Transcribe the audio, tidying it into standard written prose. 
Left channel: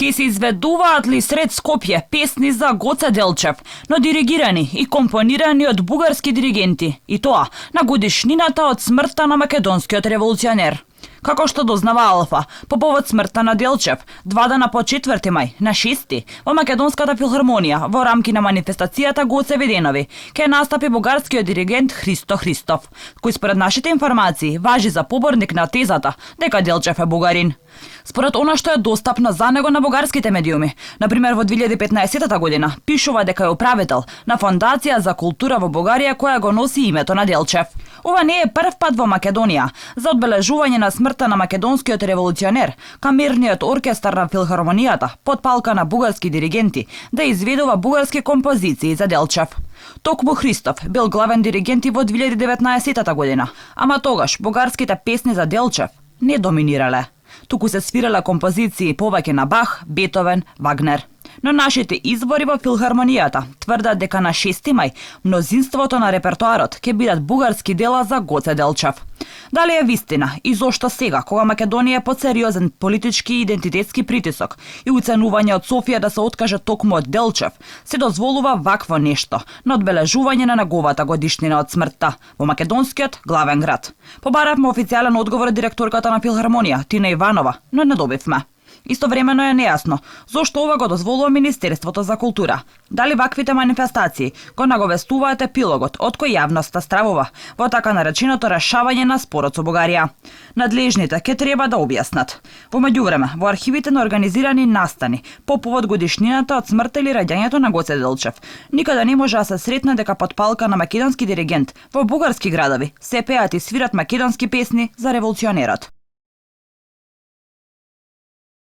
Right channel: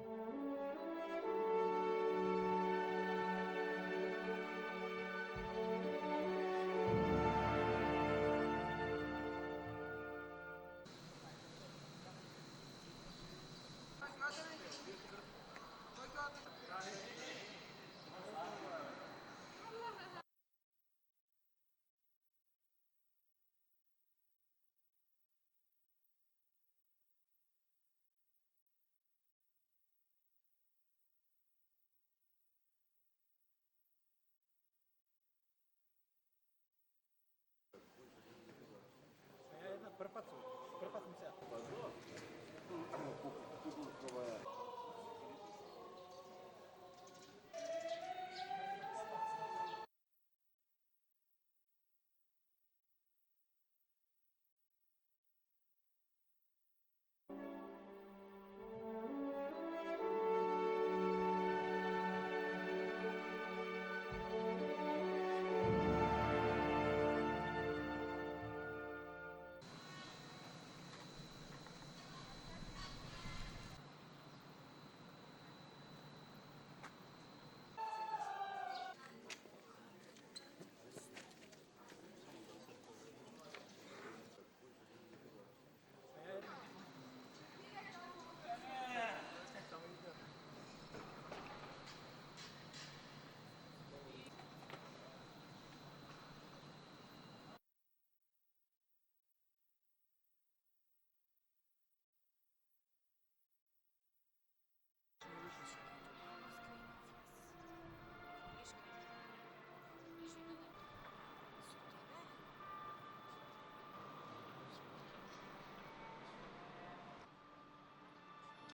Ке се изведуваат ли сред Скопје песни за Гоце Делчев, но диригирани и компонирани од бугарски диригенти, и тоа на годишнината од смртта на македонскиот револуционер? Како што дознава Алфа, по повод смртта на Делчев, 2 дена по 4 мај, на 6 во Македонската филхармонија, во рамки на манифестацијата Гоце Виденови, ке настапи бугарскиот диригент Христо Христов, кој според нашите информации важи за поборник на тезата дека Делчев е бугарин. Според она што е достапно за него на бугарските медиуми, например во 2015 година, пишува дека е управител на Фондација за култура во Бугарија која го носи името на Делчев. Ова не е прв пат во Македонија за одбележување на смртта на македонскиот револуционер, камерниот оркестар на филхармонијата, под палка на бугарски диригенти, да изведува бугарски композиции за Делчев. Токму Христов бил главен диригент и во 2019 година, ама тогаш бугарските песни за Делчев не доминирале. Туку се свирале композиции повеќе на Бах, Бетовен, Вагнер. Но нашите извори во филхармонијата тврдат дека на 6 мај мнозинството на репертоарот ќе бидат бугарски дела за Гоце Делчев. Дали е вистина и зошто сега, кога Македонија е под сериозен политички и идентитетски притисок и уценување од Софија да се откаже токму од Делчев, се дозволува вакво нешто на одбележување на неговата годишнина од смртта во македонскиот главен град? Побаравме официјален одговор од директорката на филхармонија Тина Иванова, но не добивме. Истовремено е нејасно зошто ова го дозволува Министерството за култура. Дали ваквите манифестации го наговестуваат епилогот од кој јавноста стравува во така нареченото решавање на спорот со Бугарија? Надлежните ке треба да објаснат. Во меѓувреме, во архивите на организирани настани по повод годишнината од смртта или раѓањето на Гоце Делчев, никаде не може да се сретне дека под палка на македонски диригент во бугарски градови се пеат и свират македонски песни за револуционерот.